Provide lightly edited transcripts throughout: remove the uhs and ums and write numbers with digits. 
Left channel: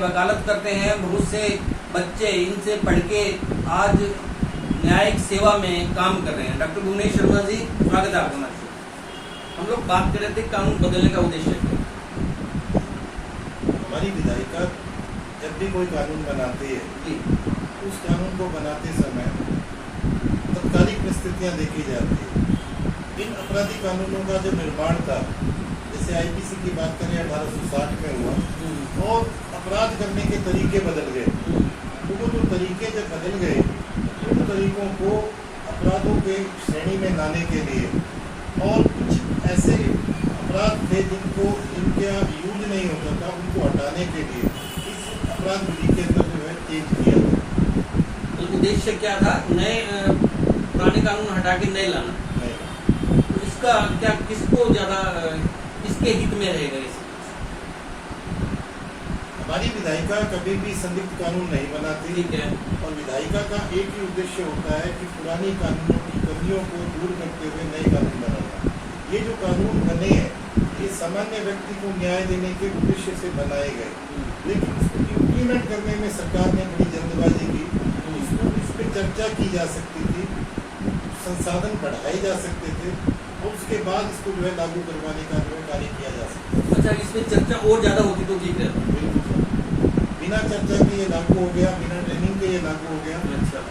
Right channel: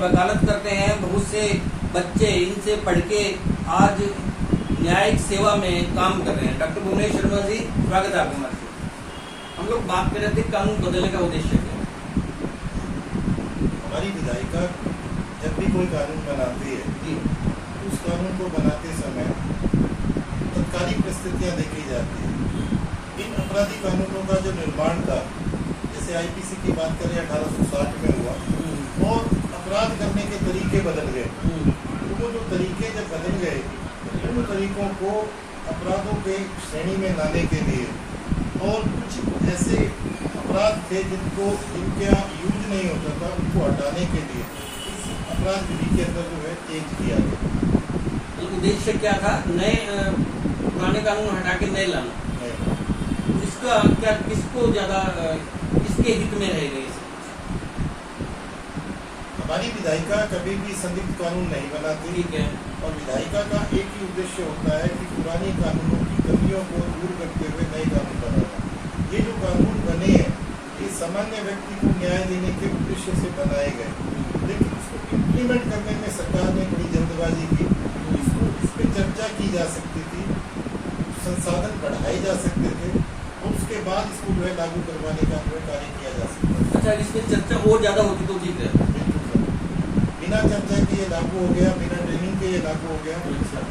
वकालत करते हैं बहुत से बच्चे, इनसे पढ़ के आज न्यायिक सेवा में काम कर रहे हैं। डॉक्टर भुवनेश शर्मा जी, स्वागत है आपका। हम लोग बात कर रहे थे कानून बदलने का उद्देश्य क्या? हमारी विधायिका जब भी कोई कानून बनाती है जी, उस कानून को बनाते समय तत्कालिक परिस्थितियां देखी जाती है। इन अपराधी कानूनों का जो निर्माण था, जैसे आईपीसी की बात करें 1860 में हुआ, और अपराध करने के तरीके बदल गए। तो वो जो तरीके जब बदल गए, उन तरीकों को अपराधों के श्रेणी में लाने के लिए और कुछ ऐसे अपराध थे जिनके यहाँ यूज नहीं होता था, उनको हटाने के लिए इस अपराध विधि के अंदर जो है चेंज किया गया। तो उद्देश्य क्या था? नए पुराने कानून हटा के नए लाना। तो इसका क्या, किसको ज्यादा, किसके हित में रहेगा इसे? हमारी विधायिका कभी भी संदिग्ध कानून नहीं बनाती। ठीक है। और विधायिका का एक ही उद्देश्य होता है कि पुराने कानूनों की कमियों को दूर करते हुए नए कानून बनाना। ये जो कानून बने हैं, ये सामान्य व्यक्ति को न्याय देने के उद्देश्य से बनाए गए, लेकिन उसको इम्प्लीमेंट करने में सरकार ने बड़ी जल्दबाजी की। इस पर चर्चा की जा सकती थी, संसाधन बढ़ाए जा सकते थे, और उसके बाद इसको जो है लागू करवाने का जो है कार्य किया जा सकता है। अच्छा, इसमें चर्चा और ज्यादा होती तो ठीक है। बिल्कुल सर, बिना चर्चा के ये लागू हो गया, बिना ट्रेनिंग के ये लागू हो गया।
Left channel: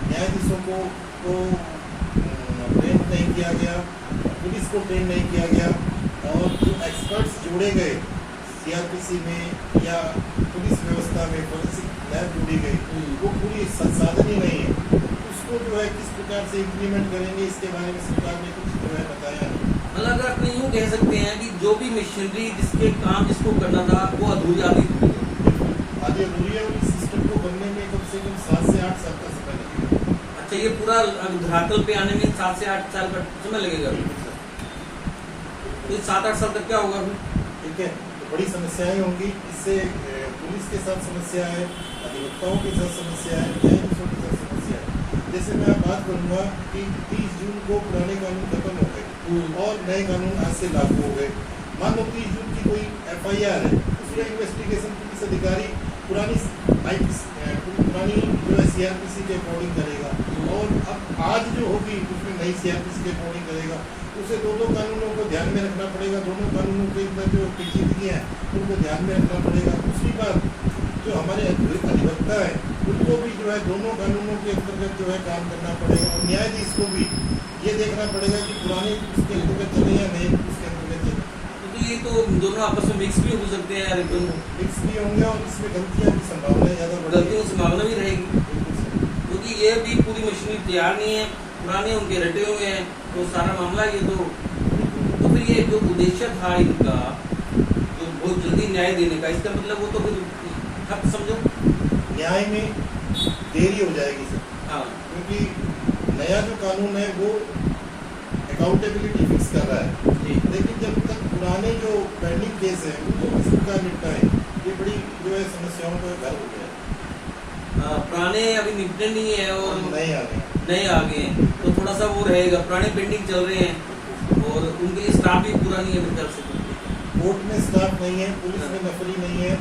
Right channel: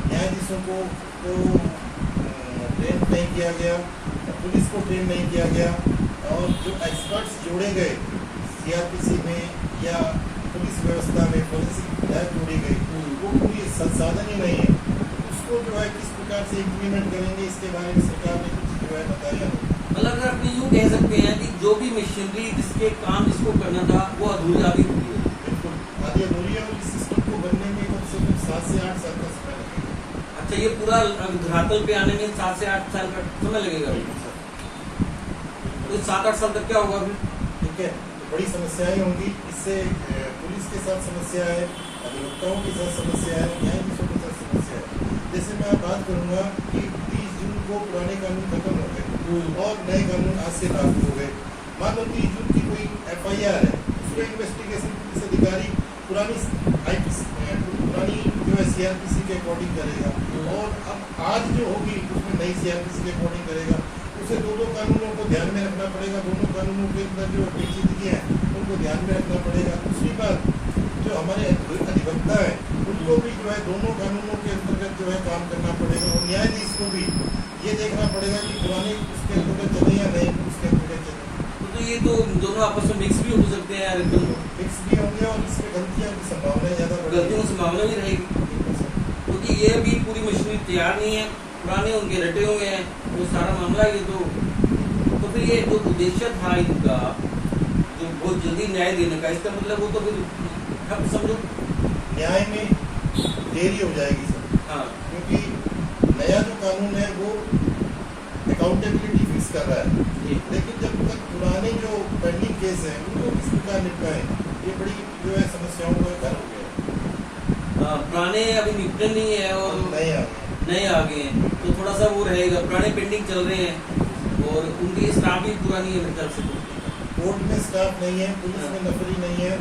न्यायाधीशों को ट्रेन नहीं किया गया, पुलिस को ट्रेन नहीं किया गया, और जो एक्सपर्ट्स जोड़े गए सीआरपीसी में या पुलिस व्यवस्था में, फोरेंसिक लैब जोड़ी गई, वो पूरी संसाधन ही नहीं है। उसको जो है किस प्रकार से इम्प्लीमेंट करेंगे, इसके बारे में सरकार ने कुछ जो है बताया नहीं। मतलब अगर अपने यूँ कह सकते हैं कि जो भी मशीनरी जिसके काम जिसको करना था वो अधूरी आदि आधी अधूरी है, और इस सिस्टम को बनने में कम से कम 7 से 8 साल का समय लगेगा। अच्छा, ये पूरा धरातल पे आने में 7 से 8 साल का समय लगेगा। तो 7-8 साल तक क्या होगा फिर? ठीक है, तो बड़ी समस्याएं होंगी। इससे पुलिस के साथ समस्या है, अधिवक्ताओं के साथ समस्या है, न्यायाधीशों के साथ समस्या है। जैसे मैं आप बात करूंगा कि 30 जून को पुराने कानून खत्म हो गए और नए कानून आज से लागू हो गए। मान लो 30 जून की कोई FIR है, उसमें इन्वेस्टिगेशन पुलिस अधिकारी पुरानी जो है CRPC के अकॉर्डिंग करेगा, और अब आज जो होगी उसमें नई CRPC के अकॉर्डिंग करेगा। उसे दो कानूनों को ध्यान में रखना पड़ेगा, दोनों कानूनों के अंदर जो पेचीदगियां हैं उनको ध्यान में रखना पड़ेगा। दूसरी बात, जो हमारे अधिवक्ता है उनको भी जो है दोनों कानूनों के अंतर्गत जो है काम करना पड़ेगा, और न्यायाधीश को भी ये देखना पड़ेगा कि पुराने उसके अंतर्गत चले या नए उसके अंतर्गत चले। तो ये तो दोनों आपस में मिक्स भी हो सकते हैं यार, फिक्स भी होंगे, और इसमें गलतियां की संभावना ज्यादा गलतियों की संभावना भी रहेगी, क्योंकि ये भी पूरी मशीनरी तैयार नहीं है, पुराने उनके रटे हुए हैं, तो सारा मामला ये तो फिर ये जो उद्देश्य था इनका, जो बहुत जल्दी न्याय देने का, इसका मतलब वो तो फिर ठप समझो न्याय में देरी हो जाएगी सर। हाँ, क्योंकि नया जो कानून है वो अकाउंटेबिलिटी फिक्स कर रहा है, लेकिन जब तक पुराने जो पेंडिंग केस है उनको किस प्रकार निपटाएं, ये बड़ी जो है समस्याओं का घर हो गया है। पुराने अभी निपटे नहीं है और नए आ गए हैं, तो थोड़ा सा वो रहेगा। पुराने पेंडिंग चल रहे हैं और उनकी स्टाफ भी पूरा नहीं है मेरे ख्याल से। कोर्ट में स्टाफ नहीं है, पुलिस में नफरी नहीं है,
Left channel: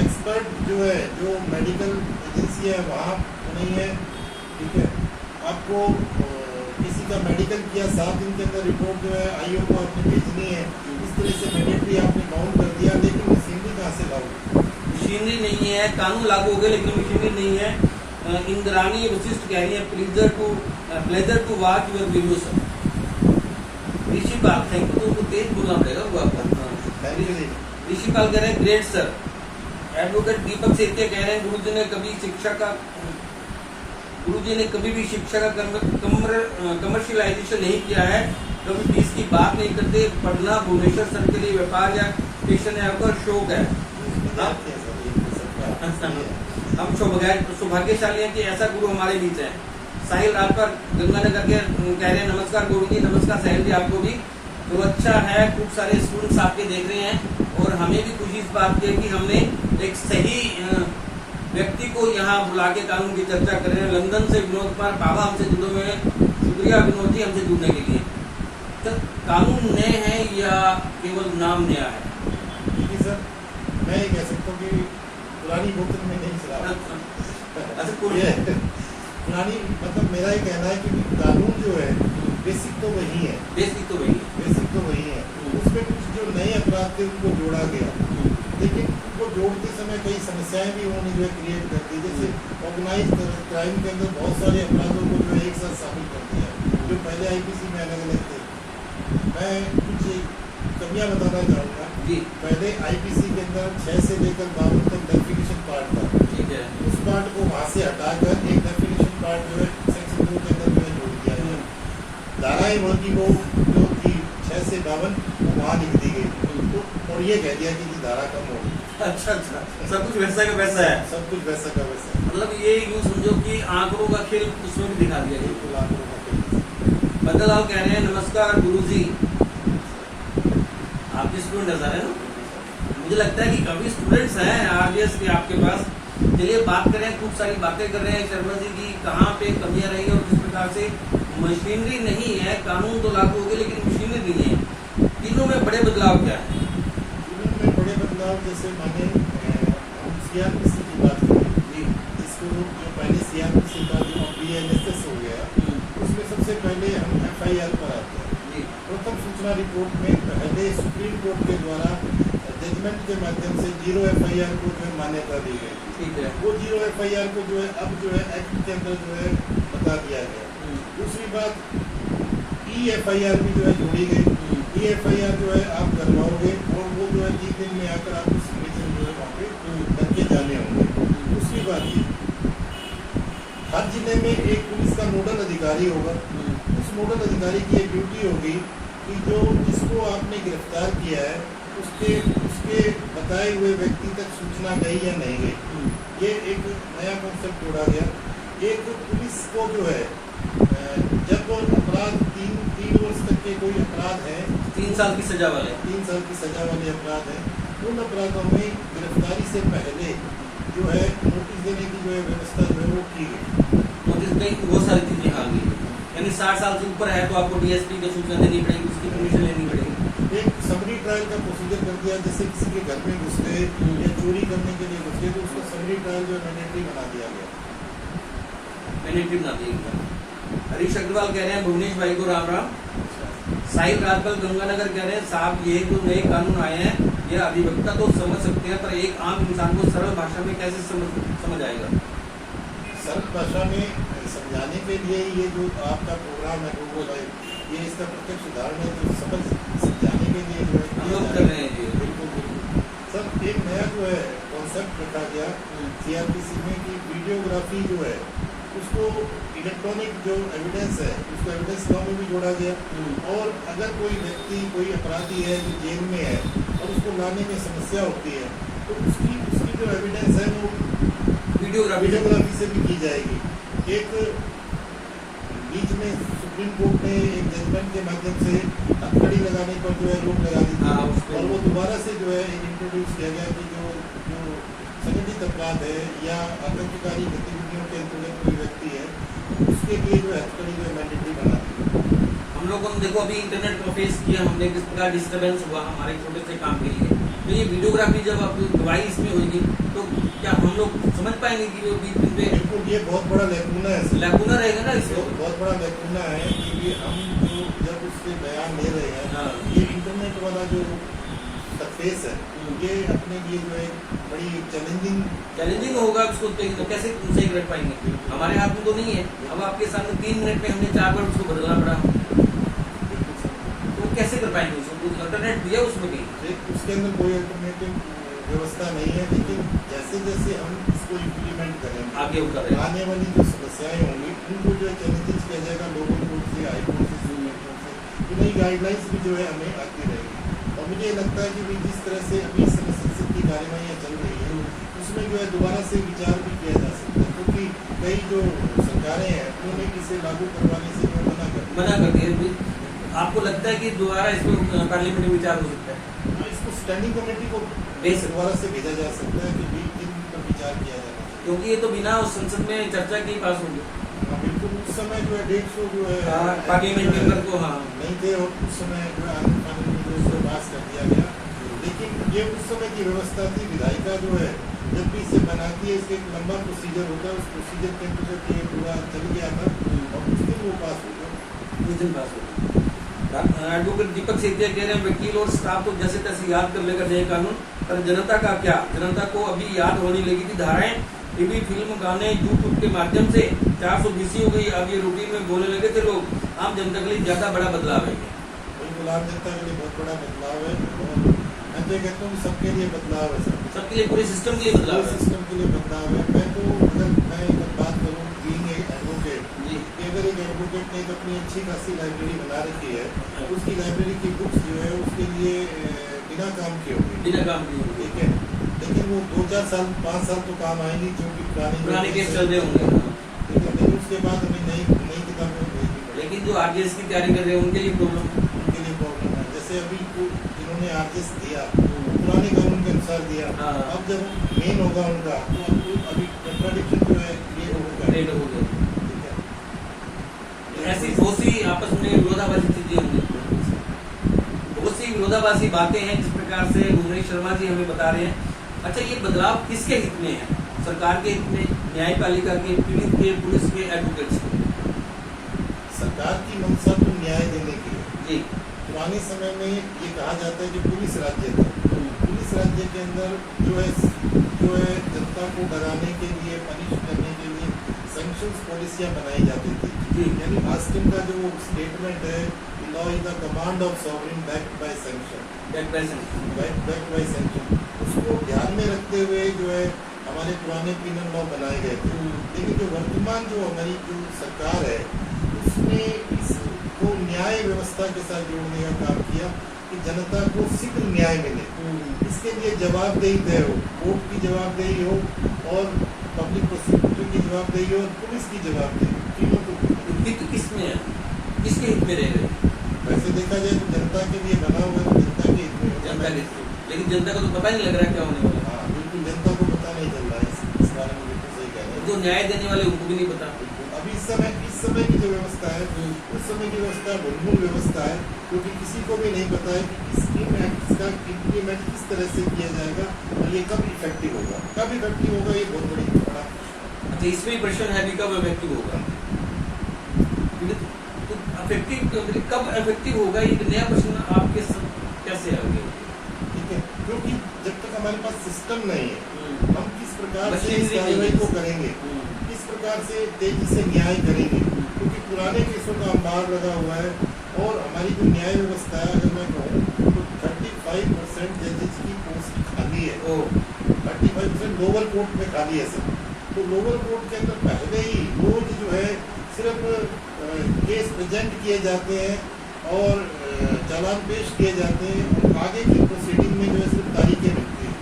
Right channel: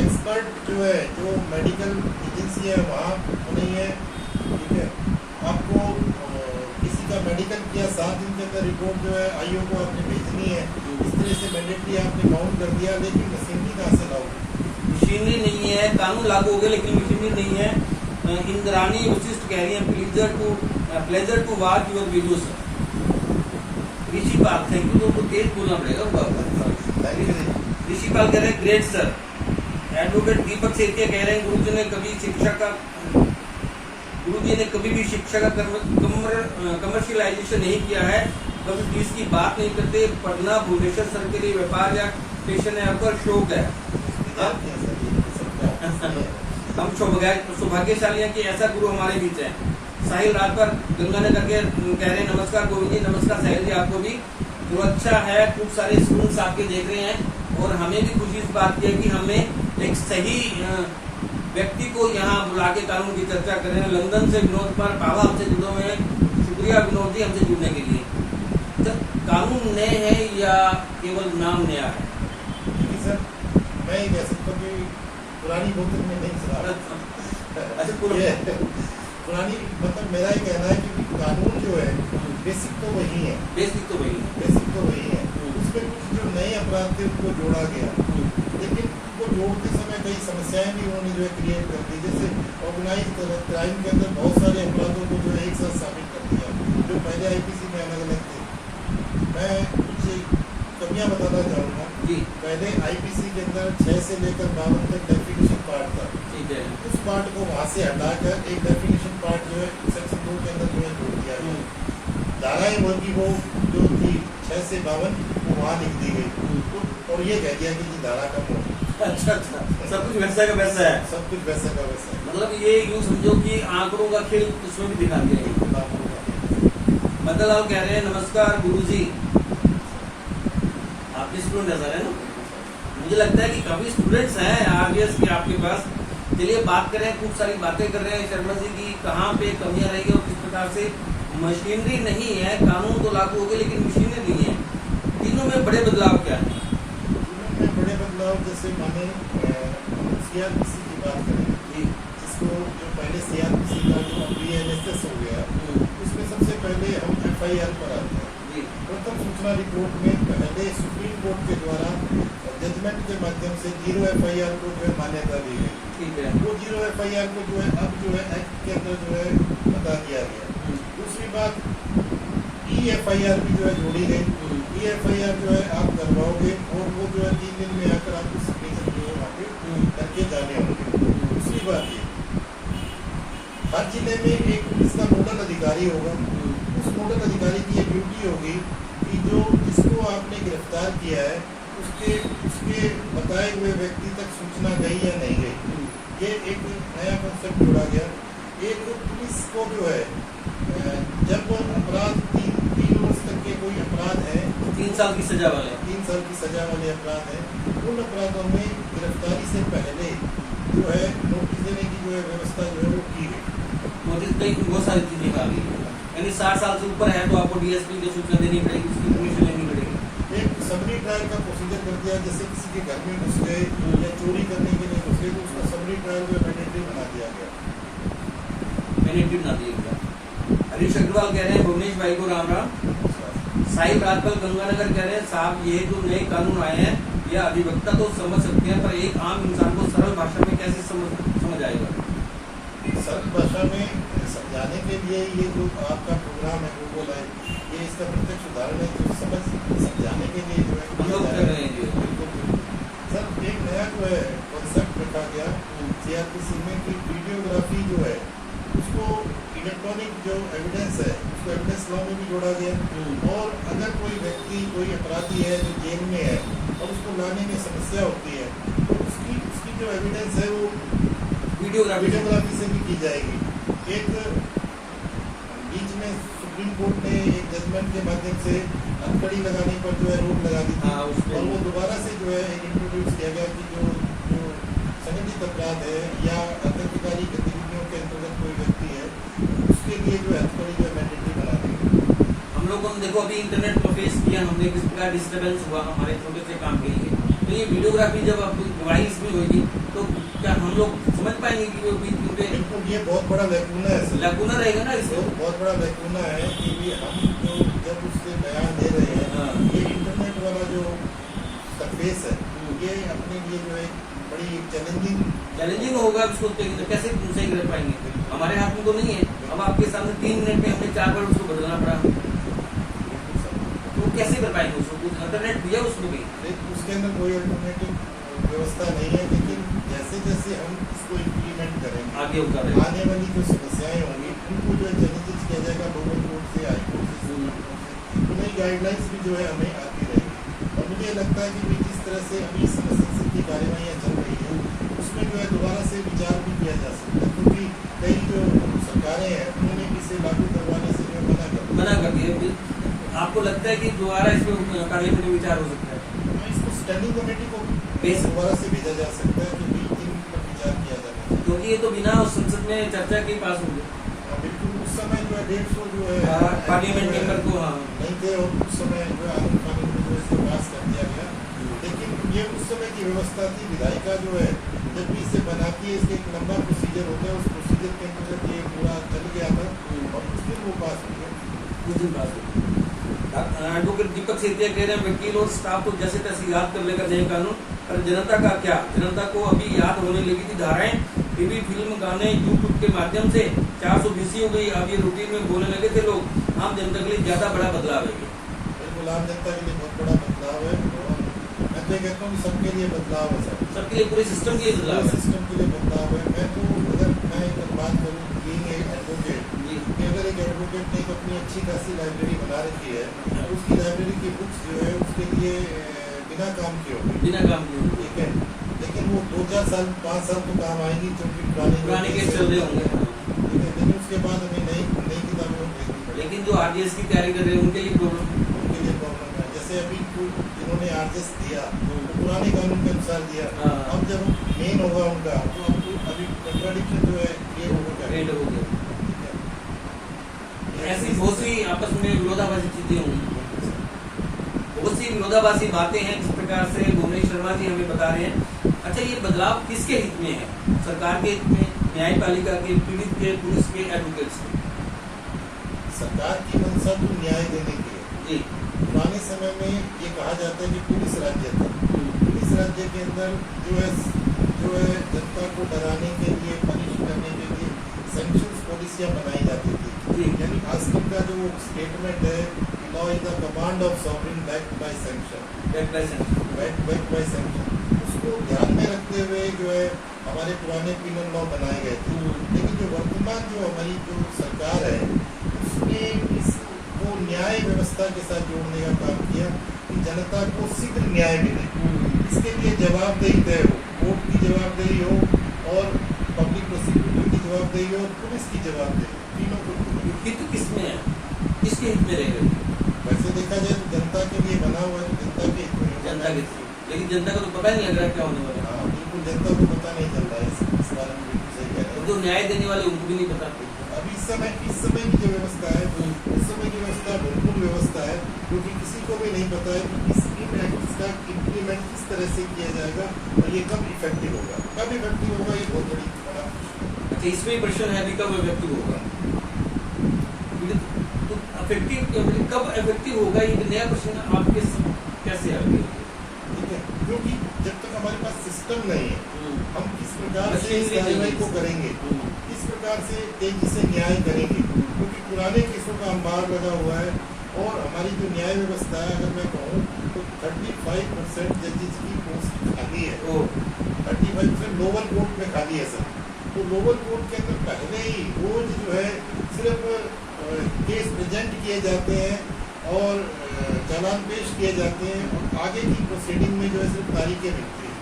एक्सपर्ट जो है, जो मेडिकल एजेंसी है वहाँ नहीं है। ठीक है, आपको किसी का मेडिकल किया 7 दिन के अंदर रिपोर्ट जो है IO को आपने भेजनी है, इस तरह से मैंडेटरी आपने काउंट कर दिया, लेकिन मशीनरी कहाँ से लाओगे? मशीनरी नहीं है, कानून लागू हो गया लेकिन मशीनरी नहीं है। इंद्राणी वशिष्ठ कह रही है pleasure to watch your video sir. Rishi Pal, thank you, तो तेज बोलना पड़ेगा वो आपका। ऋषि पाल कह रहे हैं ग्रेट सर। एडवोकेट दीपक सेतिया कह रहे हैं गुरुजी ने कभी भी शिक्षा का कमर्शियलाइजेशन नहीं किया है, कभी फीस की बात नहीं करते। पढ़ना भुवनेश्वर सर के लिए व्यापार या पेशन है, आपका शौक है। हम सौभाग्यशाली हैं कि ऐसा गुरु हमारे बीच है। साहिल राजपर गंगानगर के कह रहे हैं नमस्कार गुरु जी। नमस्कार साहिल जी, आपको भी। तो अच्छा है, खूब सारे स्टूडेंट्स आपके देख रहे हैं, और हमें भी खुशी इस बात की है कि हमने एक सही व्यक्ति को यहाँ बुला के कानून की चर्चा कर रहे हैं। लंदन से विनोद पर बाबा हमसे जुड़े हुए हैं, शुक्रिया विनोद जी हमसे जुड़ने के लिए। तो कानून नए हैं या केवल नाम नया है? देखिए सर, मैं ये कह सकता हूँ कि पुरानी बोतल में नहीं शराब। अच्छा ये पुरानी मतलब मेरा ये कहना है कि कानून जो है बेसिक तो वही है, बेसिक तो वही है। उसमें कुछ जो नए अपराध थे उनको जोड़ा गया, लेकिन वो जोड़ते समय कई समस्याएं भी उन्होंने जो है क्रिएट कर दी। जैसे ऑर्गेनाइज क्राइम के अंदर बहुत सारे अपराधों को जो है एक साथ शामिल कर दिया, जो पहले आईपीसी में अलग अलग थे। मैं कुछ कमियां बताना चाहूँगा। जी पहले आईपीसी के अंदर 6 से लेकर 52 तक डेफिनेशन पार्ट था, ठीक है। उस पार्ट को वहाँ से हटाकर एक डेफिनेशन पार्ट जो है सेक्शन 2 के अंदर जो है जोड़ दिया गया। धाराएं की वो जो थी 6 से 52 वो वहाँ लिख दी गई, तो और ये कह दिया कि धारा कम हो। अच्छा, सब कुछ वैसा का वैसा है। सब कुछ वैसा का वैसा है। मतलब ये यूं समझो कि आंकड़ों का खेल उसमें भी दिखा दिया है। बिल्कुल आंकड़ों का खेल। बदल आप कह रहे हैं नमस्कार गुरुजी, आपके स्टूडेंट नजर है ना? मुझे लगता है कि काफी स्टूडेंट्स हैं आरडीएस के आपके पास। चलिए बात करें, खूब सारी बातें कर रहे हैं शर्मा जी की, कहाँ पे कमियां रही है और किस प्रकार से मशीनरी नहीं है, कानून तो लागू हो गए लेकिन मशीनरी नहीं है। तीनों में बड़े बदलाव क्या है? में बड़े बदलाव जैसे माने सीआरपीसी की बात करें, इसको जो पहले सीआरपीसी का जो बीएनएसएस हो गया, उसमें सबसे पहले हम एफआईआर पर आते हैं। प्रथम सूचना रिपोर्ट में पहले सुप्रीम कोर्ट के द्वारा जजमेंट के माध्यम से 0 एफआईआर को जो है मान्यता दी गई। ठीक है। वो 0 एफआईआर को जो है अब जो है एक्ट के अंदर जो है बता दिया गया। दूसरी बात ई एफआईआर भी जो है जोड़ी गई। ई एफआईआर जो है आप करवाओगे और वो जो है 3 दिन में आकर आपको सिग्नेचर जो है वहाँ पे करके जाने होंगे। दूसरी बात ये, हर जिले में एक पुलिस का नोडल अधिकारी होगा। उस नोडल अधिकारी की ये ड्यूटी होगी कि जो जिसको आपने गिरफ्तार किया है उसके बताए हुए व्यक्ति तक सूचना गई या नहीं गई। ये एक नया कॉन्सेप्ट जोड़ा गया। एक पुलिस को जो है जब अपराध 3 वर्ष तक के कोई अपराध है, 3 साल की सजा वाले 3 साल की सजा वाले अपराध है, उन अपराधों में गिरफ्तारी से पहले जो है नोटिस देने की जो है व्यवस्था जो है वो की गई। नोटिस गई बहुत सारी चीज निकाल दी, यानी 60 साल से ऊपर है तो आपको डीएसपी की सूचना देनी पड़ेगी, उसकी परमिशन लेनी पड़ेगी। एक समरी ट्रायल का प्रोसीजर कर दिया, जैसे किसी के घर में घुस गए या चोरी करने के लिए घुस गए तो उसका समरी ट्रायल जो है मैंडेटरी बना दिया गया। मैंडेटरी बना दिया गया। हरीश अग्रवाल कह रहे हैं भुवनेश भाई को राम राम। साहिल राजपाल गंगानगर कह रहे हैं साहब ये जो नए कानून आए हैं ये अधिवक्ता तो समझ सकते हैं पर एक आम इंसान को सरल भाषा में कैसे समझ आएगा? सरल भाषा में समझाने के लिए ये जो आपका प्रोग्राम है वो ये इसका प्रत्यक्ष उदाहरण है, जो समझाने के लिए जो है हम लोग कर रहे हैं। बिल्कुल बिल्कुल सर। एक नया जो है कॉन्सेप्ट रखा गया सीआरपीसी में कि वीडियोग्राफी जो है उसको इलेक्ट्रॉनिक जो एविडेंस है उसको एविडेंस लॉ में भी जोड़ा गया। और अगर कोई व्यक्ति कोई अपराधी है जो जेल में है और उसको लाने में समस्या होती है तो उसकी जो एविडेंस है वो वीडियोग्राफी से भी की जाएगी। एक बीच में सुप्रीम कोर्ट ने एक जजमेंट के माध्यम से हथकड़ी लगाने पर जो है रोक लगा दी थी और वो दोबारा से जो है इंट्रोड्यूस किया गया कि जो संगठित अपराध है या आतंककारी गतिविधियों के अंतर्गत कोई व्यक्ति है उसके लिए जो है हथकड़ी जो है मैंडेटरी बना दी। हम लोगों ने देखो अभी इंटरनेट पर फेस किया हमने, किस प्रकार डिस्टर्बेंस हुआ हमारे छोटे से काम के लिए। तो ये वीडियोग्राफी जब अब डिवाइस में होगी तो क्या हम लोग समझ पाएंगे कि वो बिल्कुल ये बहुत बड़ा लैकूना है। लैकूना रहेगा ना इसको, बहुत बड़ा लैकूना है कि ये हम जो जब उससे बयान दे रहे हैं ये इंटरनेट वाला जो सरफेस है ये अपने लिए जो है बड़ी चैलेंजिंग होगा। उसको कैसे सही कर पाएंगे? हमारे हाथ में तो नहीं है। अब आपके सामने 3 मिनट में हमने 4 बार उसको बदलना पड़ा, तो कैसे कर पाएंगे उसको? कुछ अल्टरनेट दिया उसमें भी? उसके अंदर कोई अल्टरनेटिव व्यवस्था नहीं है, लेकिन जैसे जैसे हम इसको इम्प्लीमेंट करेंगे आगे आने वाली जो समस्याएं होंगी उनको जो है चैलेंजेस किया जाएगा लोगों कोर्ट से, हाईकोर्ट से, तो नई गाइडलाइंस भी जो है हमें आती रहेगी। और मुझे ये लगता है कि जिस तरह से अभी संसद की कार्यवाही चल रही है उसमें जो है दोबारा से विचार भी किया जा सकता है, क्योंकि कई जो सरकारें हैं उन्होंने इसे लागू करवाने से जो मना कर दिया। आपको लगता है कि दोबारा इसमें पार्लियामेंट में विचार हो सकता है? इसको स्टैंडिंग कमेटी को दोबारा से भेजा जा सकता है कि इन पर विचार किया जाना चाहिए, क्योंकि ये तो बिना उस संसद में चर्चा के ही पास होंगे। बिल्कुल उस समय जो है 150 जो है पार्लियामेंट मेंबर को नहीं थे और उस समय जो है आनंद कानून में जो है पास कर दिया गया। लेकिन ये उस समय की व्यवस्था थी, विधायिका जो है जब भी इसे बनाती है इसका एक लंबा प्रोसीजर होता है, उस प्रोसीजर के अंतर्गत ये पूरा चल गया था और उस दिन वो पास हो गया। उस दिन पास हो। एडवोकेट दीपक सेतिया कह रहे हैं वकील और स्टाफ तो जैसे तैसे याद कर लेगा नए कानून, पर जनता का क्या? जनता को अभी याद होने लगी थी धाराएं, टीवी, फिल्म, गाने, यूट्यूब के माध्यम से 420 हो गई। अब ये रूटीन में बोलने लगे थे लोग। आम जनता के लिए ज्यादा बड़ा बदलाव है ये। बिल्कुल आम जनता के लिए बहुत बड़ा बदलाव है और मैं तो कहता हूँ सबके लिए बदलाव है सर, सबके लिए, पूरे सिस्टम के लिए बदलाव है। सिस्टम के लिए बदलाव है। मैं तो अगर मैं एक बात करूँ बीइंग एक एडवोकेट, कि अगर एक एडवोकेट ने एक अपनी अच्छी खासी लाइब्रेरी बना रखी है, उसकी लाइब्रेरी की बुक्स जो है उसके लिए बिना काम के हो गई, बिना काम किए। ठीक है, लेकिन वो 2-4 साल 5 साल तो काम आएंगी क्योंकि पुराने केस चल रहे होंगे, ठीक है, लेकिन उसके बाद हमें नई किताबें होंगी। लेकिन जो आरजीएस की तैयारी कर रहे हैं उनके लिए प्रॉब्लम है। जैसे अभी जिन्होंने आरजीएस दिया पुराने कानून के अनुसार दिया, हाँ। अब जब मेन होगा उनका तो अब अभी कंट्राडिक्शन जो है क्रिएट होगा, ठीक है। ऐसी बहुत सी आपस में विरोधाभासी चीजें होंगी, बहुत सी विरोधाभासी बातें हैं जिस प्रकार से भुवनेश शर्मा जी हमें बता रहे हैं। अच्छा, ये बदलाव किसके हित में है? सरकार के हित में, न्यायपालिका के, पीड़ित के, पुलिस के, एडवोकेट्स के? सरकार की मंशा तो न्याय देने की है जी। पुराने समय में ये कहा जाता है कि पुलिस राज्य था, पुलिस राज्य के अंदर जो है जनता को डराने के लिए, पनिश करने के लिए सैंक्शंस पॉलिसियां बनाई जाती थी। यानी आजकल का जो स्टेटमेंट है, law is the command of sovereign backed by sanction, backed by sanction, उसको ध्यान में रखते हुए जो है हमारे पुराने पिनल लॉ बनाए गए थे। लेकिन जो वर्तमान जो हमारी जो सरकार है उसने इसको न्याय व्यवस्था के साथ जोड़ने का काम किया कि जनता को शीघ्र न्याय मिले, इसके लिए जवाबदेही तय हो, कोर्ट की जवाबदेही हो और पब्लिक प्रोसिक्यूटर की जवाबदेही हो और पुलिस की जवाबदेही, तीनों को। हित किसमें है, किसके हित में रहेगा? वैसे देखा जाए तो जनता के लिए बना हुआ है, तो जनता के हित में है। जनता के हित में, लेकिन जनता को तो पता नहीं लग रहा है क्या होने वाला है। हाँ बिल्कुल, जनता को पता नहीं चल रहा है इस बारे में, बिल्कुल सही कह रहे हैं। जो न्याय देने वाले उनको भी नहीं पता। अभी इस समय की जो व्यवस्था है, उस समय की व्यवस्था भूलभुल व्यवस्था है, क्योंकि किसी को भी नहीं पता है कि इस एक्ट का इम्प्लीमेंट किस तरह से किया जाएगा और ये कब इफेक्टिव होगा, ये बहुत बड़ा। अच्छा, इसमें भी प्रश्न है कि कब इफेक्टिव होगा, तो कब इफेक्टिव होगा, ये नया प्रश्न आपके कैसे आ गया? ठीक है, क्योंकि जब तक हमारे पास सिस्टम नहीं है, हम किस प्रकार से इस मशीनरी कार्रवाई को करेंगे, किस प्रकार से तेजी से न्याय करेंगे, क्योंकि पुराने केसों का अंबार लगा हुआ है और हमारी जो न्याय व्यवस्था है, अगर मैं कहूँ तो 35% जजेस की पोस्ट खाली है, 35% लोअर कोर्ट में खाली है सर। तो लोअर कोर्ट के अंदर पहले ही रोज जो है सिर्फ केस प्रेजेंट किए जाते हैं और चालान पेश किए जाते हैं और आगे की प्रोसीडिंग में जो है सिर्फ तारीखें मिलती है,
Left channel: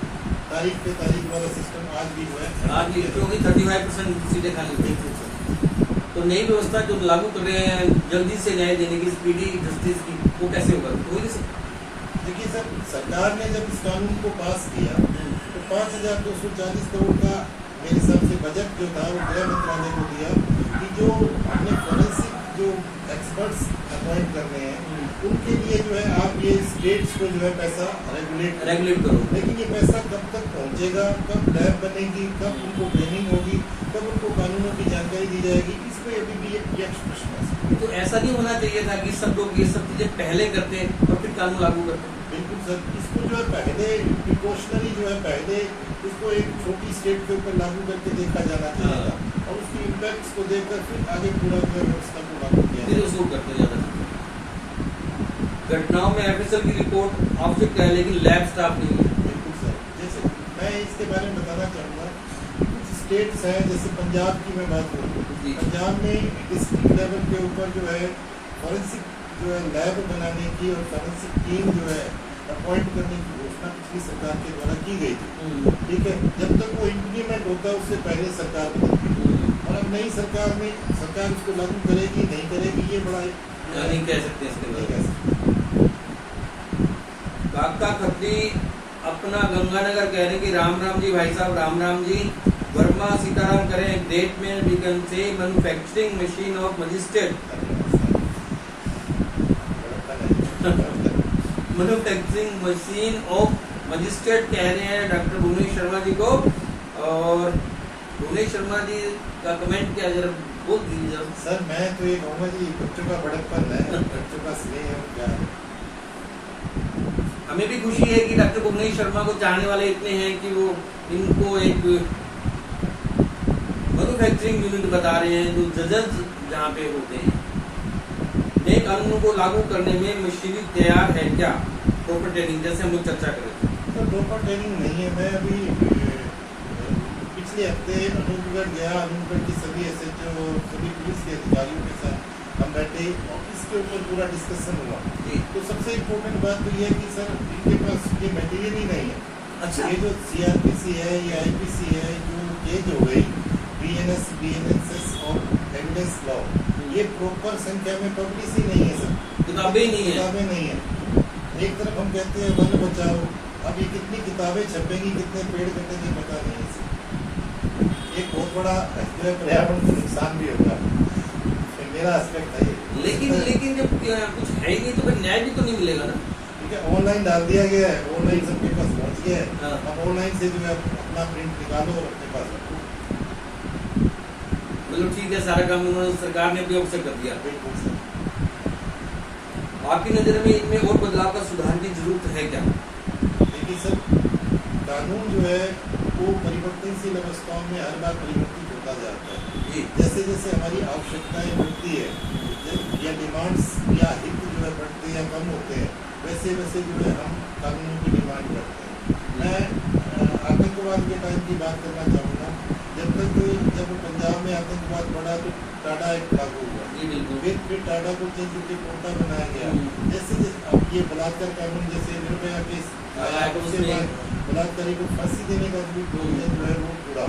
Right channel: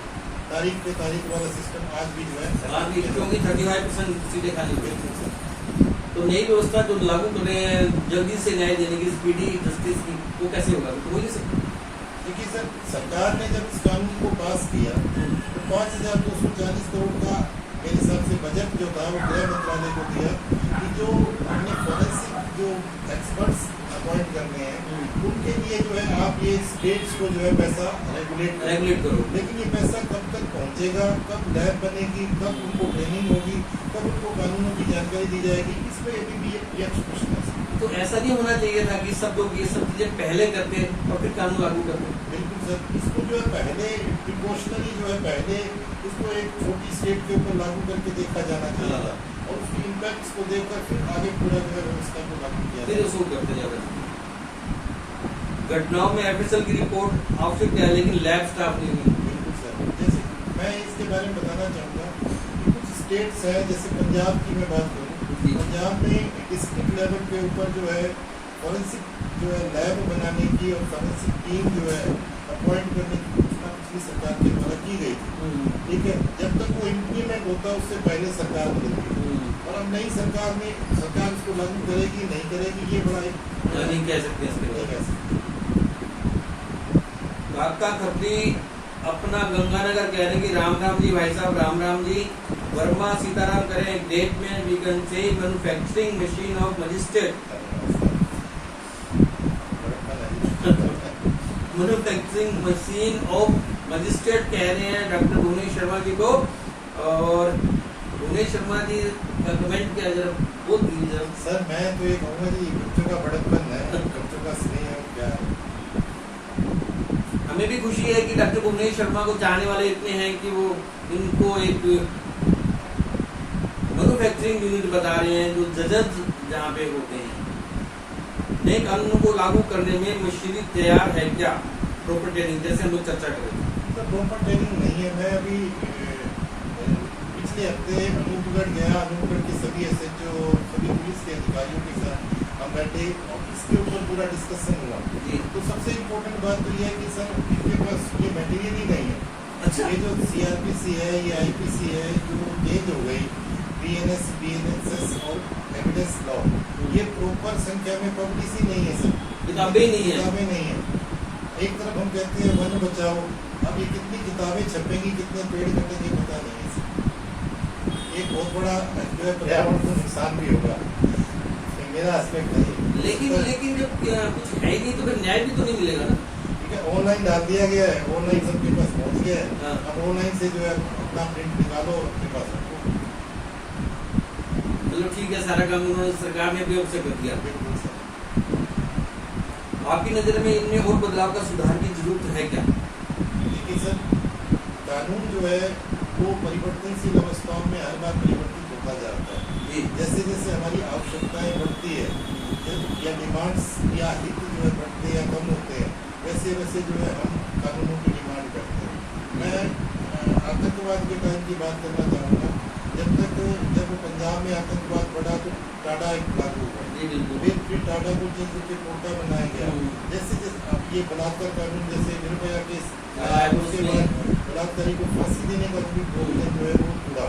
तारीख पे तारीख वाला सिस्टम आज भी जो है, आज भी क्योंकि 35% सीटें खाली हुई। तो नई व्यवस्था जो लागू कर रहे हैं जल्दी से न्याय देने की, स्पीडी जस्टिस की, वो कैसे होगा? तो हो नहीं सकता। देखिए सर, सरकार ने जब इस कानून को पास किया तो 5,240 करोड़ का मेरे हिसाब से बजट जो था वो गृह मंत्रालय को दिया कि जो अपने फॉरेंसिक जो एक्सपर्ट्स अपॉइंट कर रहे हैं उनके लिए जो है आप ये स्टेट्स को जो है पैसा रेगुलेट करो। लेकिन ये पैसा कब तक पहुंचेगा, कब लैब बनेगी, कब उनको ट्रेनिंग होगी, कब उनको कानूनों की जानकारी दी जाएगी, इस पर अभी भी एक प्रश्न है। तो ऐसा नहीं होना चाहिए था कि सब लोग ये सब चीजें पहले करते और फिर कानून लागू करते? बिल्कुल सर, इसको जो है पहले प्रिकॉशनरी जो है पहले इसको एक छोटी स्टेट के ऊपर लागू करके देखा जाना चाहिए था और उसकी इम्पैक्ट्स को देखकर फिर आगे पूरा व्यवस्था को लागू किया, फिर उसको करते जाना चाहिए। घटनाओं में एफएसएल की रिपोर्ट आवश्यक है लेकिन लैब स्टाफ नहीं। बिल्कुल सर, जैसे मैं इसके बारे में बताना चाहूँगा कि कुछ स्टेट्स हैं, जैसे पंजाब की मैं बात करूँ, पंजाब में डिस्ट्रिक्ट लेवल के ऊपर जो है फॉरेंसिक जो है लैब बनाने की और फॉरेंसिक टीम जो है अपॉइंट करने की घोषणा पिछली सरकार के द्वारा की गई थी, ठीक है। जब तक वो इम्प्लीमेंट होता है उससे पहले सरकार बदलती है और अब नई सरकार में सरकार उसको लागू करेगी नहीं करेगी ये बड़ा नहीं कह सकते, नहीं कह सकते। काका खत्री अपना गंगानगर कह रहे हैं कि राम राम जी भाई साहब, राम राम जी। वर्मा सीताराम करें एक डेट में we can say manufacturing machine of magistrate, manufacturing machine of magistrate कह रहे हैं डॉक्टर भुवनेश शर्मा जी को और भुवनेश शर्मा जी का कमेंट क्या जरा बोल दीजिए जरा। सर मैं तो ये कहूँगा जी, बच्चों का बड़प्पन है, बच्चों का स्नेह और प्यार है। हमें भी खुशी है कि डॉक्टर भुवनेश शर्मा को चाहने वाले इतने हैं कि वो इनको एक मैन्युफैक्चरिंग यूनिट बता रहे हैं जो जजेस जहाँ पे होते हैं। नए कानूनों को लागू करने में मशीनरी तैयार है क्या? प्रॉपर ट्रेनिंग जैसे हम लोग चर्चा करें तो प्रॉपर ट्रेनिंग नहीं है। मैं अभी पिछले हफ्ते अनूपगढ़ गया। अनूपगढ़ के सभी SHO, सभी पुलिस के अधिकारियों के साथ हम बैठे और इसके ऊपर पूरा डिस्कशन हुआ। तो सबसे इम्पोर्टेंट बात तो ये है कि सर इनके पास ये मटेरियल ही नहीं है। अच्छा। ये जो CRPC है, ये IPC है, जो चेंज हो गई BNS, BNSS और एविडेंस लॉ, ये प्रॉपर संख्या में पब्लिश ही नहीं है सर। किताबें नहीं है। किताबें नहीं है। एक तरफ हम कहते हैं वन बचाओ, अब ये कितनी किताबें छपेंगी, कितने पेड़ कटेंगे पता नहीं है सर। एक बहुत बड़ा जो है पर्यावरण को नुकसान भी होगा। तो मेरा एस्पेक्ट है ये। लेकिन जब कुछ है ही नहीं तो फिर न्याय भी तो नहीं मिलेगा ना। ठीक है, ऑनलाइन डाल दिया गया है, ऑनलाइन सबके पास पहुंच गया है। हाँ। अब ऑनलाइन से जो है अपना प्रिंट निकालो और अपने पास रखो। चलो ठीक है, सारा काम उन्होंने सरकार ने भी अवश्य कर दिया। बिल्कुल सर। आपकी नजर में इनमें और बदलाव का सुधार की जरूरत है क्या? देखिए सर, कानून जो है वो परिवर्तनशील अवस्थाओं में हर बार परिवर्तित होता जाता है। जी। जैसे जैसे हमारी आवश्यकताएं बढ़ती है या डिमांड्स या हित जो है बढ़ते या कम होते हैं, वैसे वैसे जो है हम कानूनों की डिमांड करते हैं। मैं आतंकवाद के टाइम की बात करना चाहूँगा। जब पंजाब में आतंकवाद बढ़ा तो टाडा एक्ट लागू हुआ। फिर टाडा को चेंज करके कोटा बनाया गया। जैसे अब ये बलात्कार कानून, जैसे निर्भया केस आया, उसके बाद बलात्कारी को फांसी देने का भी प्रोविजन जो है वो पूरा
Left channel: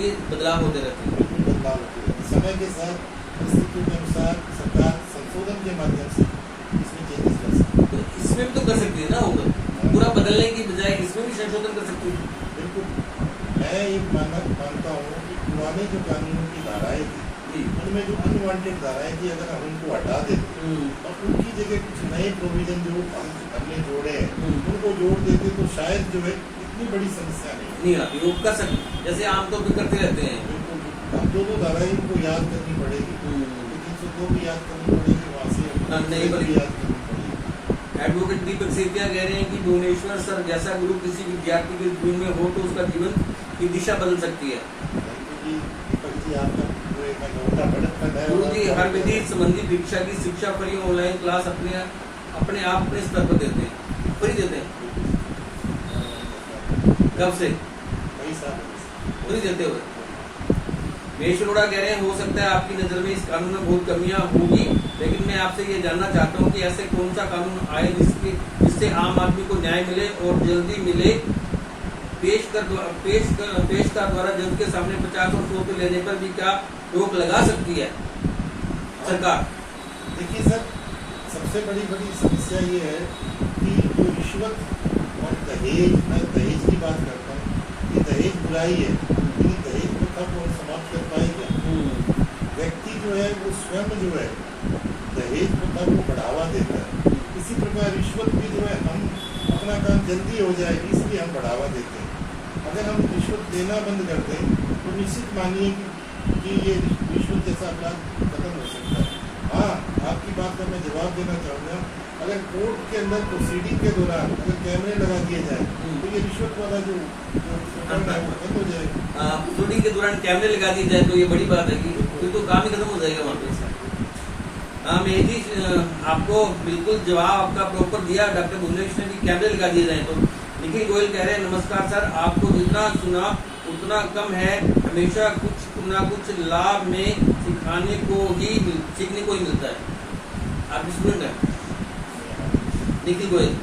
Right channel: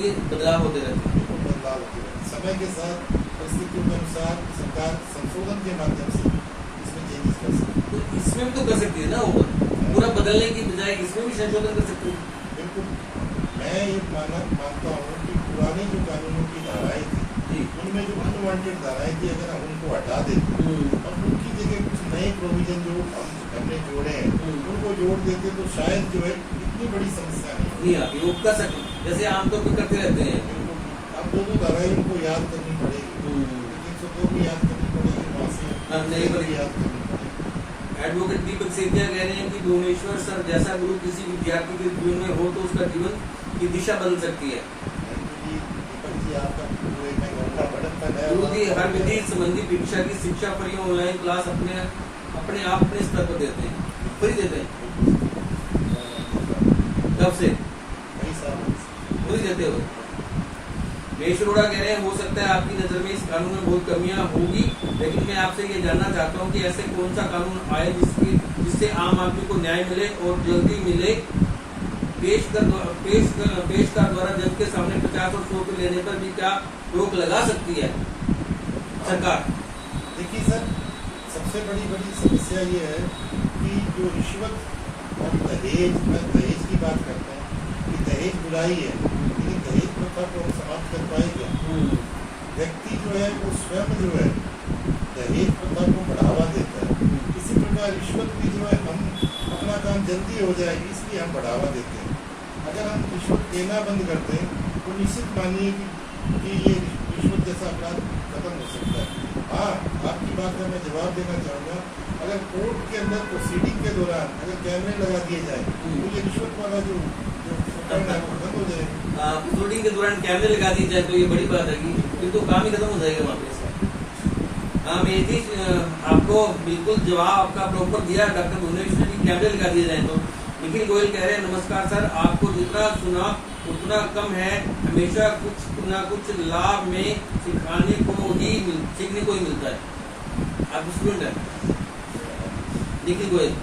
ये बदलाव होते रहते हैं। बिल्कुल बदलाव होते हैं। समय के साथ परिस्थितियों के अनुसार सरकार संशोधन के माध्यम से इसमें चेंजेस कर सकती है। तो इसमें भी तो कर सकती है ना, वो पूरा बदलने की बजाय इसमें भी संशोधन कर सकती है। बिल्कुल। मैं ये मानता हूँ कि पुराने जो कानूनों की धाराएं थी, उनमें जो अनवांटेड धाराएं थी, अगर हम उनको हटा देते और उनकी जगह कुछ नए प्रोविजन जो हमने जोड़े हैं उनको जोड़ देते तो शायद जो है इतनी बड़ी समस्या नहीं आती। वो कर सकते, जैसे आमतौर पर करते रहते हैं। बिल्कुल। हम दो धाराएं उनको याद करनी पड़ेगी, 302 भी याद करनी पड़ेगी, वहाँ से नहीं बड़ी याद करनी पड़ेगी। एडवोकेट दीपक सेठिया कह रहे हैं कि भुवनेश्वर सर जैसा गुरु किसी विद्यार्थी के जीवन में हो तो उसका जीवन की दिशा बदल सकती है। गुरु जी हर विधि संबंधी शिक्षा की शिक्षा पर ऑनलाइन क्लास अपने आप अपने स्तर पर देते हैं, फ्री देते हैं। कब से? कई साल फ्री देते हुए। महेश अरोड़ा कह रहे हैं हो सकता है आपकी नजर में इस कानून में बहुत कमियां होगी, लेकिन मैं आपसे ये जानना चाहता हूँ कि ऐसे कौन सा कानून आए जिससे आम आदमी को न्याय मिले और जल्दी मिले। पेश का द्वारा जज के सामने 50 और 100 रुपये लेने पर भी क्या रोक लगा सकती है सरकार? देखिए सर, सबसे बड़ी समस्या ये है कि जो रिश्वत और दहेज की बात करते हैं, ये दहेज बुराई है, लेकिन दहेज प्रथा को हम समाप्त कर पाए क्या? व्यक्ति जो है वो स्वयं जो है दहेज प्रथा को बढ़ावा देता है। इसी प्रकार रिश्वत भी जो है हम अपना काम जल्दी हो जाए इसलिए हम बढ़ावा देते हैं। अगर हम रिश्वत देना बंद कर दें तो निश्चित मानिए कि ये रिश्वत जैसा अपराध खत्म हो सकता है। हाँ, आपकी बात का मैं जवाब देना चाहूँगा, अगर कोर्ट के अंदर प्रोसीडिंग के दौरान अगर कैमरे लगा दिए जाए तो ये रिश्वत वाला जो प्रकरण है वो बंद हो जाए। प्रोसीडिंग के दौरान कैमरे लगा दिए जाए तो ये बड़ी बात है कि फिर तो काम ही खत्म हो जाएगा वहाँ पे। हाँ मेरी जी, आपको बिल्कुल जवाब आपका प्रॉपर दिया। डॉक्टर भुवनेश ने भी कैमरे लगा दिए जाए तो। निखिल गोयल कह रहे हैं नमस्कार सर, आपको जितना सुना उतना कम है, हमेशा कुछ ना कुछ लाभ में सीखने को ही मिलता है। आप स्टूडेंट है निखिल गोयल।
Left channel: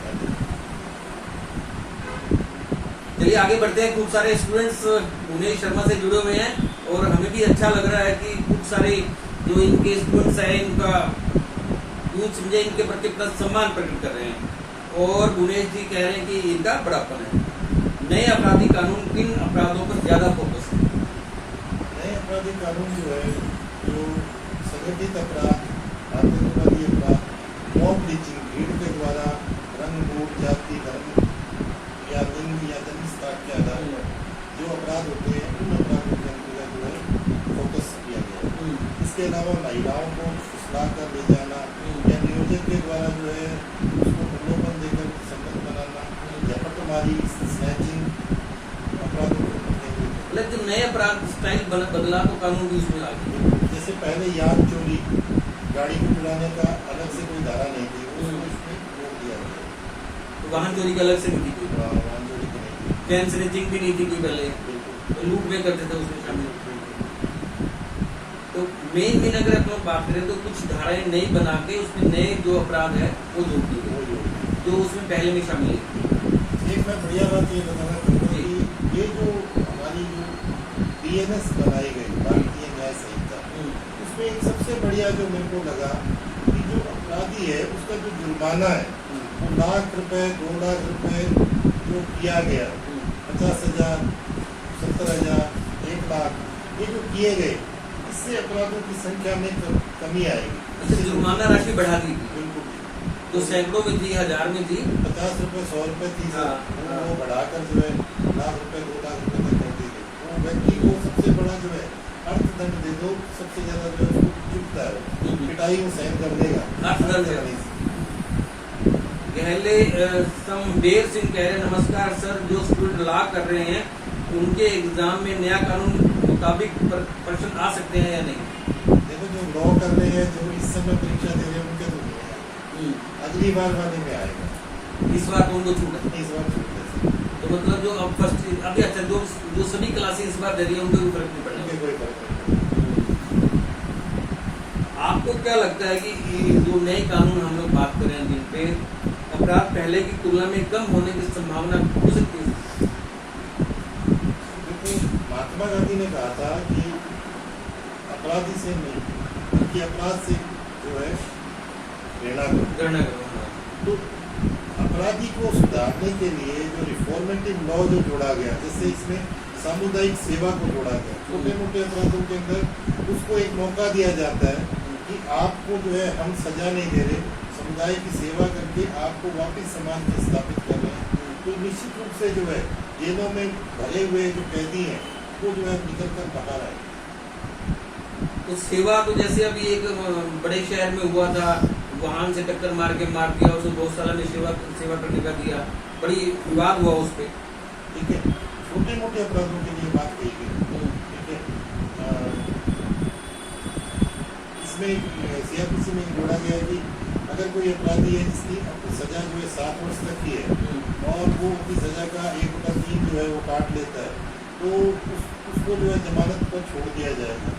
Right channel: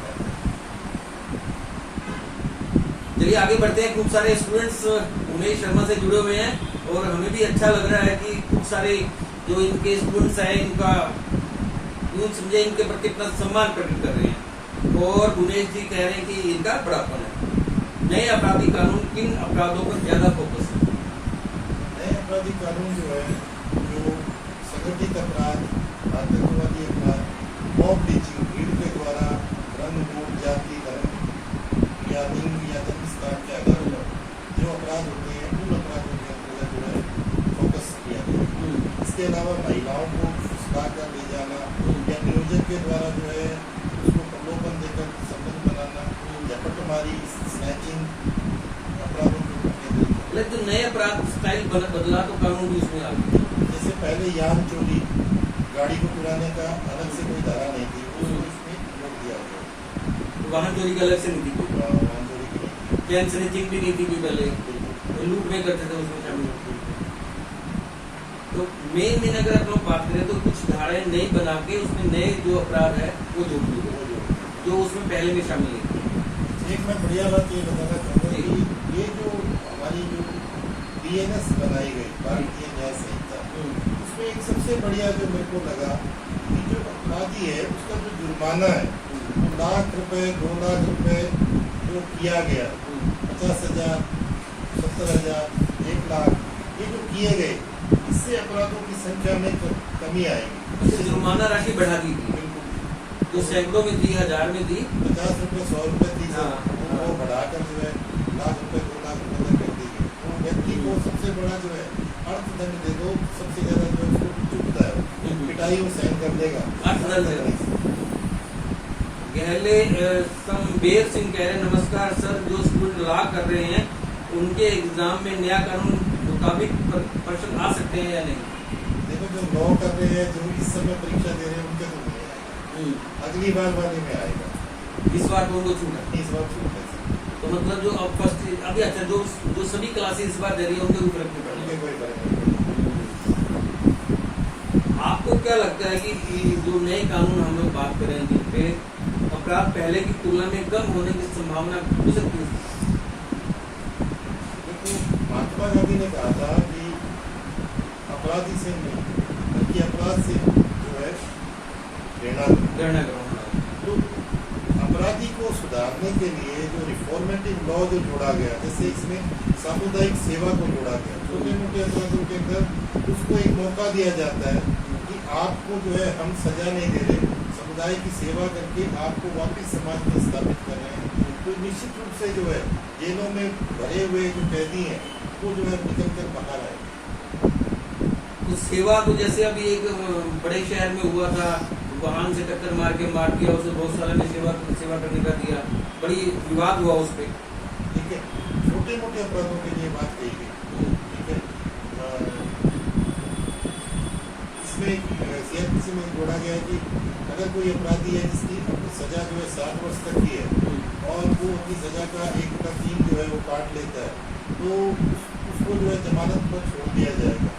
चलिए आगे बढ़ते हैं। खूब सारे स्टूडेंट्स भुवनेश शर्मा से जुड़े हुए हैं और हमें भी अच्छा लग रहा है कि खूब सारे जो इनके स्टूडेंट्स हैं इनका यूं समझे इनके प्रति अपना सम्मान प्रकट कर रहे हैं। और भुवनेश जी कह रहे हैं कि इनका बड़ापन है। नए आपराधिक कानून किन अपराधों पर ज्यादा फोकस है? नए आपराधिक कानून जो है जो संगठित अपराध, आतंकवादी अपराध, मॉब लिंचिंग, भीड़ के द्वारा रंग, वोट, जाति, धर्म या लिंग या जन्म स्थान के आधार पर अपराध होते हैं उन अपराधों के अंतर्गत जो है फोकस किया गया। इसके अलावा महिलाओं को फुसला कर ले जाना या नियोजक के द्वारा जो है उसको प्रलोभन देकर संबंध बनाना या पटमारी, स्नैचिंग अपराधों को केंद्रित है। लेकिन नए अपराध स्टाइल बदला तो कानून भी उसमें आ गया। जैसे पहले यान चोरी, गाड़ी को चुराने का अलग से कोई धारा नहीं थी, उसको इसमें रोक दिया गया। तो वाहन चोरी का अलग से नहीं थी कोई, वाहन चोरी की नहीं। चैन स्नैचिंग भी नहीं थी कोई पहले, बिल्कुल। लूट में करते थे उसमें शामिल। तो मेन दिन अगर अपन बात करें तो कुछ धाराएं नई बना के उसमें नए जो अपराध है वो जोड़ दिए जो उसमें पहले में शामिल है। एक मैं बढ़िया बात ये बताना चाहूँगा कि ये जो हमारी जो BNS बनाई गई भारतीय न्याय संहिता, उसमें एक सबसे बढ़िया जो मेरे को लगा कि जो अपराधी है उसका जो जुर्माना है वो लाख रुपए, 2 लाख रुपए जो किया गया, 50,000, 70,000, 1 लाख, ये जो किए गए, इससे अपराधों की संख्या में कमी आएगी। अच्छा, जुर्माना राशि बढ़ा दी थी, बिल्कुल, जो सैकड़ों में थी, 1000 में थी, 50 रुपए, 100 रुपए थी, हाँ। वो बढ़ाकर जो है लाख रुपए, 2 लाख रुपए तक कर दी गई। वो व्यक्ति को सबसे बड़ा जो है अर्थदंड दे दो, सबसे ज्यादा जो है वो चुकता है, वो पिटाई वो सहन कर लेगा। अर्थदंड है। गहले समबेर सिंह कह रहे नमस्कार सर, जो स्टूडेंट लॉ कर रहे हैं उनके एग्जाम में नया कानून मुताबिक प्रश्न आ सकते हैं या नहीं? देखो, जो लॉ कर रहे हैं, जो इस समय परीक्षा दे रहे हैं, उनके तो नहीं है, अगली बार वाले में आएगा। इस बार तो उनको छूट है, इस बार छूट है, तो मतलब जो अब फर्स्ट अभी अच्छा जो सभी क्लासेस इस बार दे रही है उनको भी फर्क नहीं पड़ेगा। उनके कोई फर्क नहीं पड़ेगा। आपको क्या लगता है कि जो नए कानून हम लोग बात कर रहे हैं जिन पे अपराध पहले की तुलना में कम होने की संभावना हो सकती है? देखो, महात्मा गांधी ने कहा था कि अपराधी से नहीं बल्कि अपराध से जो है प्रेरणा दो। तो अपराधी को सुधारने के लिए जो रिफॉर्मेटिव लॉ जो जोड़ा गया, जैसे इसमें सामुदायिक सेवा को जोड़ा गया, छोटे मोटे अपराधों के अंदर उसको एक मौका दिया जाता है कि आपको जो है हम सजा नहीं दे रहे, समुदाय की सेवा करके आपको वापस समाज में स्थापित कर रहे हैं। तो निश्चित रूप से जो है जेलों में भरे हुए जो कैदी हैं वो जो है निकल कर बाहर आए। तो सेवा तो जैसे अभी एक बड़े शहर में हुआ था, वाहन से टक्कर मार दिया, उसे गौशाला में सेवा करने का दिया, बड़ी विवाद हुआ उस पर। ठीक है, छोटे मोटे अपराधों के लिए बात कही गई। ठीक है, इसमें CRPC में जोड़ा गया कि अगर कोई अपराधी है जिसकी सजा जो है 7 वर्ष तक की है और वो अपनी सजा का 1/3 जो है वो काट लेता है, तो उसको जो है जमानत पर छोड़ दिया जाएगा।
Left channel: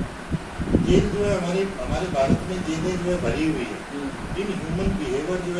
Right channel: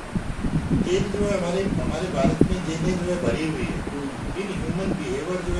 जेल जो है हमारे भारत में जेलें जो है भरी हुई है, इन ह्यूमन बिहेवियर जो है